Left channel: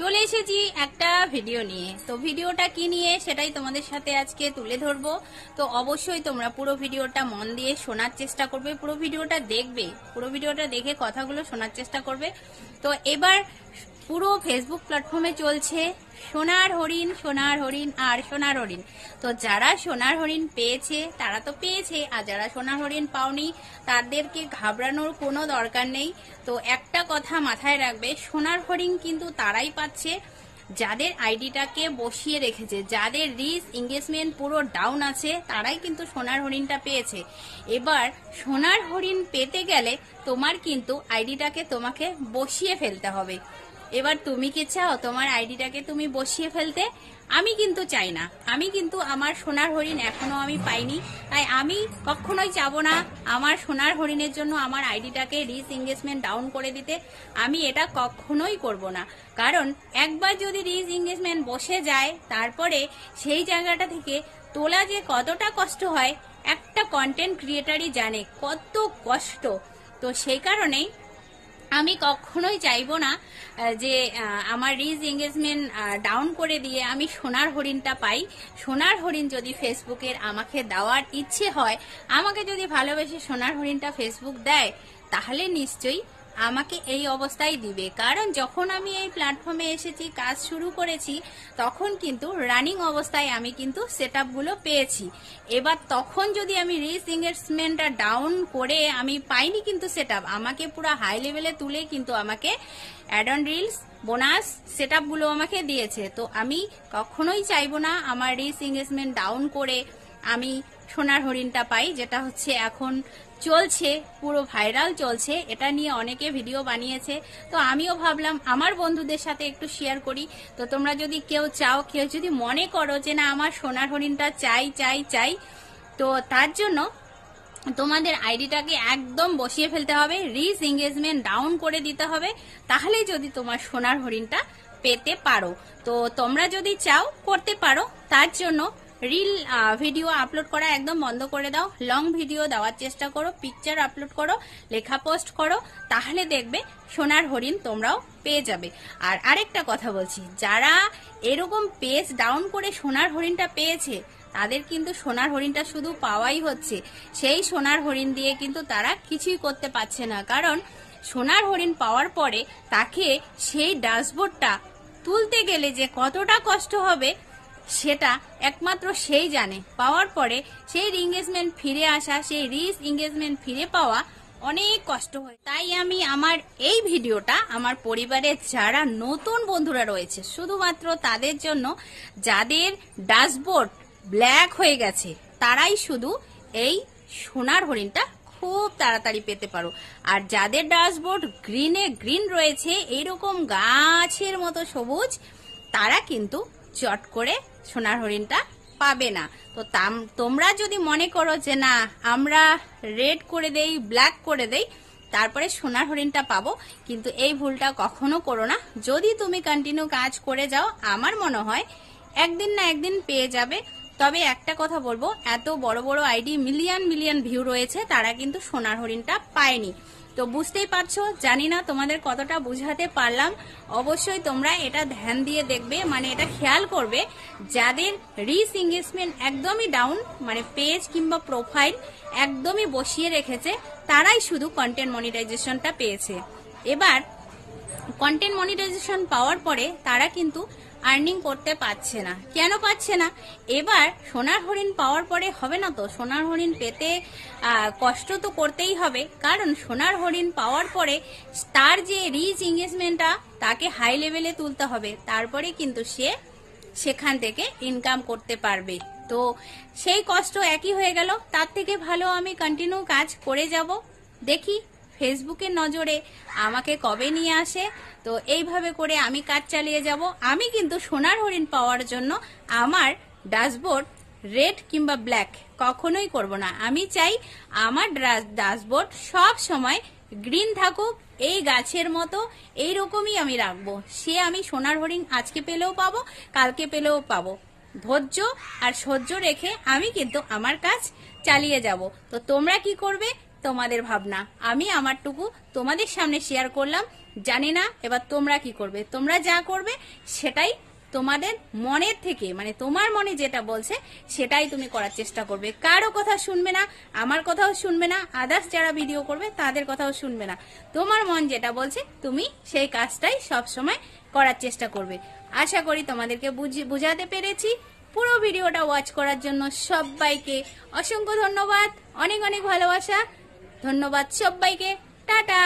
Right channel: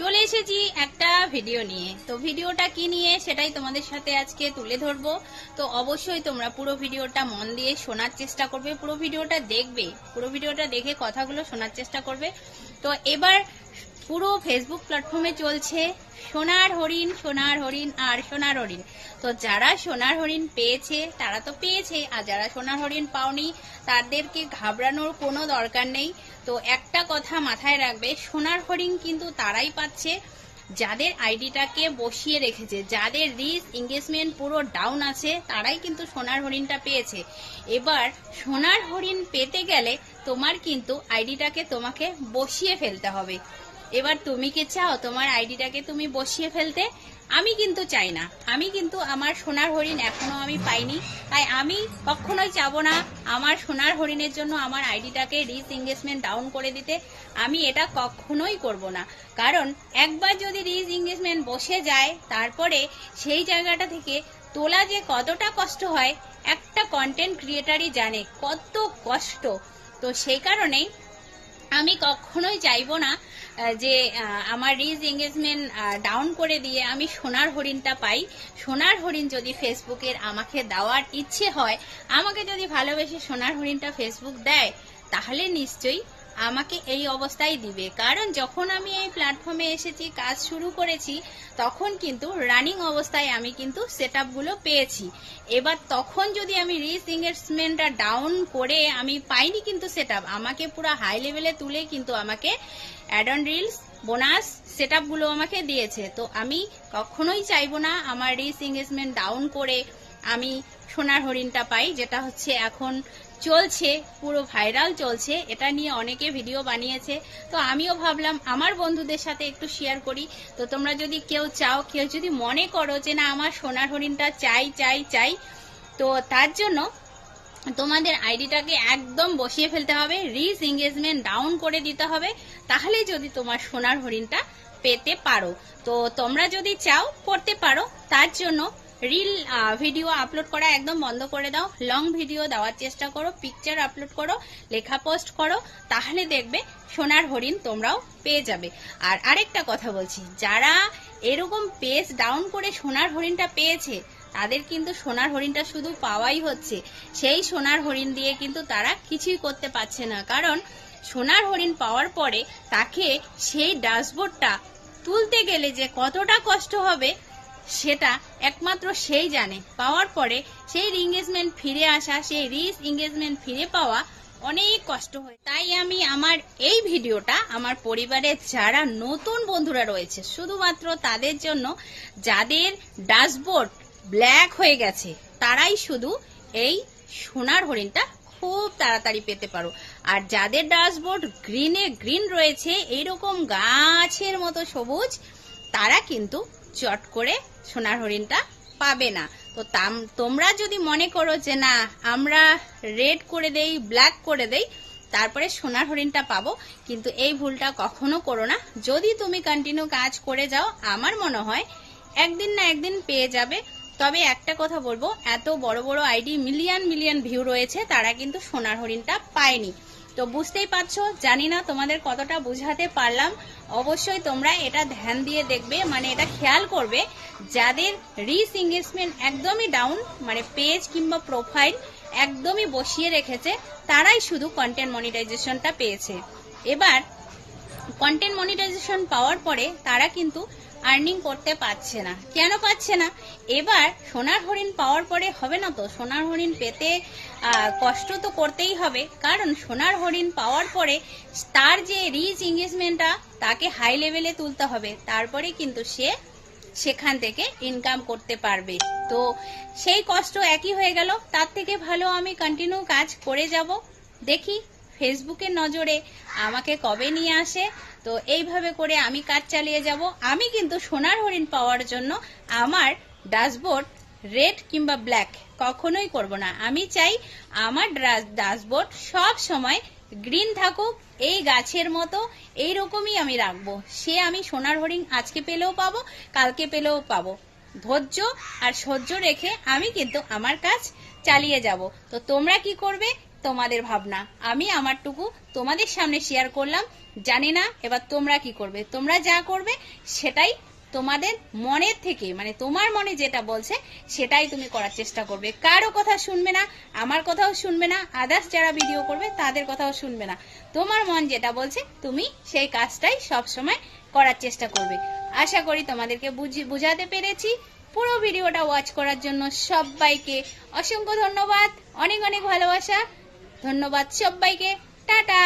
চলে এসেছি একটা ভিডিও নিয়ে। তো ভিডিওটা কি নিয়ে সেটাই তোমাদের সাথে আজকে তুলে ধরবো। তো অবশ্যই তোমরা পুরো ভিডিওটা মন দিয়ে শোনার চেষ্টা করবে, পুরো ভিডিওটা দেখবে, পুরো ভিডিওটা দেখে কথাগুলো শোনার চেষ্টা করবে। তো এবার পুরো ফেসবুক প্ল্যাটফর্মে চলছে সোনার হরিণ, সোনার হরিণ আর সোনার হরিণ। তো যারা সোনার হরিণ পেয়েছে তারা তো পেয়েছে, আর যারা সোনার হরিণ পাওনি তাদেরকে ঘাবড়ানোর কোনো দরকার নেই। তো একটা কথা মাথায় রাখবে, সোনার হরিণ কিন্তু তারাই পাচ্ছে যাদের আইডিটাকে বসিয়ে রেখেছে, যাদের রিচ এঙ্গেজমেন্ট পুরো ডাউন আছে, তারাই কিন্তু সোনার হরিণটা পেয়েছে। এবার সোনার হরিণ পেতে গেলে তোমার কিন্তু আইডিটাকে তোমাকে বসিয়ে ফেলতে হবে। এবার তুমি কি চাও তোমার আইডিটাকে তুমি বসিয়ে ফেলতে? আমি কিন্তু চাই না। আমি কিন্তু আমার সোনার হরিণ এখনো আমি পাইনি, তাই আমি কখনোই চাবো না আমার সোনার হরিণের জন্য আমার আইডিটাকে রিচ এঙ্গেজমেন্ট ডাউন করে দিতে। আমি এটা কখনোই করব না, কারণ একবার যদি রিচ এঙ্গেজমেন্ট বসে যায় তারপরে সেই জায়গাটা থেকে তোলা যে কতটা কষ্ট হয় একটা কন্টেন্ট ক্রিয়েটারই জানে কত কষ্ট। তো সেই কারণেই আমি কখনোই চাইবো না যে আমার রিচ এঙ্গেজমেন্ট ডাউন করে দিয়ে আমি সোনার হরিণটা পাই। সোনার হরিণ যদি ফেসবুকের আমাকে দেওয়ার ইচ্ছে হয়, আমাকে যদি ভালোবেসে সোনার হরিণটা ফেসবুক দেয়, তাহলে নিশ্চয়ই আমাকে এই অবস্থায় দিবে। কারণ যখন আমি এই প্ল্যাটফর্মে এসেছি, কাজ শুরু করেছি, তখন কিন্তু রানিং অবস্থায় আমি কিন্তু সেটআপগুলো পেয়েছি। এবার তখন যদি আমি রিচ এঙ্গেজমেন্টটা ডাউন করে আমি পাইনি কিন্তু সেটআপ, আমাকে পুরো হাই লেভেলে তুলে কিন্তু আমাকে অ্যাড অন রিলস বোনাস সেটআপগুলো আমাকে দিয়েছে। তো আমি কখনোই চাইবো না আমার রিচ এঙ্গেজমেন্ট ডাউন করে আমি সোনার হরিণটা পাই, যেটা হচ্ছে এখন চলছে, পুরো ভাইরাল চলছে। এটা নিয়ে অনেকে ভিডিও বানিয়েছে, তো আমিও ভাবলাম আমার বন্ধুদের সাথে একটু শেয়ার করি। তো তোমরা যদি কেউ চাও, কেউ যদি মনে করো যে না আমার সোনার হরিণটা চাই চাই চাই, তো তার জন্য তোমাদের আইডিটাকে একদম বসিয়ে ফেলতে হবে, রিচ এঙ্গেজমেন্ট ডাউন করে দিতে হবে, তাহলে যদি তোমার সোনার হরিণটা পেতে পারো। তো তোমরা যদি চাও করতে পারো। তার জন্য রিল ভিডিও আপলোড করা একদম বন্ধ করে দাও, লং ভিডিও দেওয়ার চেষ্টা করো, পিকচার আপলোড করো, লেখা পোস্ট করো, তাহলে দেখবে সোনার হরিণ তোমরাও পেয়ে যাবে। আর আরেকটা কথা বলছি, যারা এরকম পেজ ডাউন করে সোনার হরিণটা পেয়েছে তাদের কিন্তু সোনার হরিণটা শুধু পাওয়াই হচ্ছে, সেই সোনার হরিণ দিয়ে কিন্তু তারা কিছুই করতে পারছে না। কারণ সোনার হরিণ পাওয়ার পরে তাকে সেই ড্যাশবোর্ডটা তুলতে গেলে যে কতটা কষ্ট হবে সেটা একমাত্র সেই জানে। পাওয়ার পরে সেই এঙ্গেজমেন্ট ফিরে আসা, সেই রিচ এঙ্গেজমেন্ট ফিরে পাওয়া অনেক কষ্ট হয়। তাই আমি আমার এই ভিডিওটা আমার পরিবারের যারা নতুন বন্ধুরা রয়েছে শুধুমাত্র তাদের জন্য, যাদের ড্যাশবোর্ড ব্ল্যাক হয়ে গেছে তারাই শুধু এই সোনার হরিণটা খুব তাড়াতাড়ি পেতে পারো। আর যাদের ড্যাশবোর্ড গ্রিনে গ্রিন রয়েছে, এইরকম গাছের মতো সবুজ, তারা কিন্তু চট করে সোনার হরিণটা পাবে না। তো তোমরা যদি মনে করো যে না আমরা রেড করে দেই, ব্ল্যাক করে দেই, তারপরে সোনার হরিণটা পাবো, কিন্তু এই ভুলটা কখনো করো না। যদি তুমি কন্টিনিউ কাজ করে যাও, আমার মনে হয় একদিন না একদিন পেয়ে যাবে। তবে একটা কথা বলবো, এত বড় বড় আইডি মিলিয়ন মিলিয়ন ভিউ রয়েছে, তারা কিন্তু সোনার হরিণটা পায়নি। তো বুঝতেই পারছো, জানি না তোমাদের কতটা বুঝাতে পারলাম। অবশ্যই তোমরা এটা ধ্যান দিয়ে দেখবে, মানে এটা খেয়াল করবে, যাদের রিচ এঙ্গেজমেন্ট একদমই ডাউন, মানে পেজ কিংবা প্রোফাইল একদমই বসিয়ে রেখেছে, তারাই শুধু কন্টেন্ট মনিটাইজেশনটা পেয়েছে। এবার কন্টেন্ট মনিটাইজেশন পাওয়ার পরে তারা কিন্তু আর্নিং করতে পারছে না। কেন পাচ্ছে না? এবার সোনার হরিণ পাওয়ার পরে হবে না তো, সোনার হরিণ পেতে কষ্ট তো করতেই হবে। কারণ সোনার হরিণ পাওয়ার পরে তার যে রিচ এঙ্গেজমেন্টটা তাকে হাই লেভেলে তুলতে হবে, তারপরে কিন্তু সে সেখান থেকে ইনকাম করতে পারবে। তো সেই কষ্ট একই হয়ে গেল। তার থেকে ভালো আমি কন্টিনিউ কাজ করে যাব, দেখি ফেসবুকের নজরে আমাকে কবে নিয়ে আসে। তো এইভাবে করে আমি কাজ চালিয়ে যাব। আমি কিন্তু সোনার হরিণ পাওয়ার জন্য আমার ড্যাশবোর্ড রেড কিংবা ব্ল্যাক কখনোই করব না। আমি চাই আমার ড্যাশবোর্ড সব সময় গ্রিন থাকুক, এই গাছের মতো এইরকমই আমি রাখবো। সে আমি সোনার হরিণ আজকে পেলেও পাবো, কালকে পেলেও পাবো। ধৈর্য আর সহ্য রেখে আমি কিন্তু আমার কাজ চালিয়ে যাব। তো তোমরা কি করবে তোমাদের ভাবনা, আমি আমারটুকু তোমাদের সামনে শেয়ার করলাম। জানি না এবার তোমরা কি করবে। তোমরা যা করবে সেটাই তোমাদের মনের থেকে, মানে তোমার মনে যেটা বলছে সেটাই তুমি করার চেষ্টা করবে। কারো কথা শুনবে না, আমার কথাও শুনবে না, আদার্স যারা ভিডিও করবে তাদের কথাও শুনবে না। তোমার মন যেটা বলছে তুমি সেই কাজটাই সবসময় করার চেষ্টা করবে। আশা করি তোমাদেরকে বুঝাতে পেরেছি। পুরো ভিডিওটা ওয়াচ করার জন্য সবাইকে অসংখ্য ধন্যবাদ, অনেক অনেক ভালোবাসা। ধন্যবাদ সবাইকে, টাটা।